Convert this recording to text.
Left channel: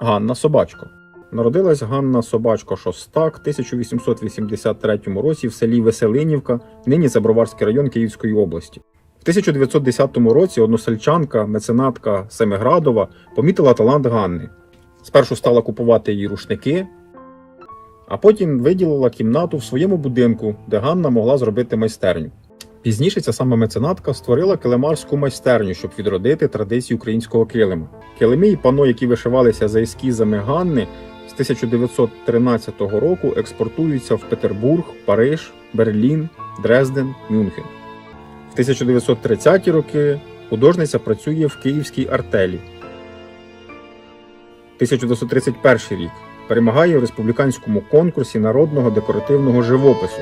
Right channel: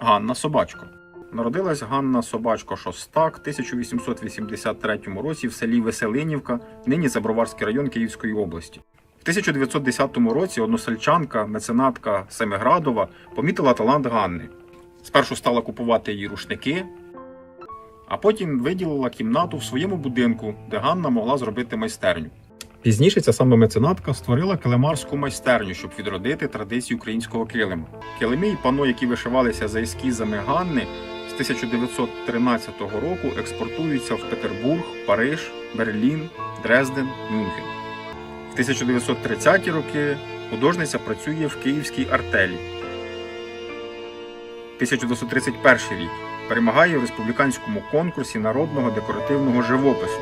Ганна Собачко. Народилась Ганна Собачко Шостак в 1883 році в селі Веселинівка, нині це Броварський район Київської області. В 1910 році односельчанка, меценатка Семиградова помітила талант Ганни. Спершу стала купувати її рушники, а потім виділила кімнату в своєму будинку, де Ганна могла зробити майстерню. Пізніше ця сама меценатка створила килимарську майстерню, щоб відродити традиції українського килиму. Килими і пано, які вишивалися за ескізами Ганни, з 1913 року експортуються в Петербург, Париж, Берлін, Дрезден, Мюнхен. В 1930-ті роки художниця працює в Київській артелі. 1931 рік перемагає в республіканському конкурсі народного декоративного живопису.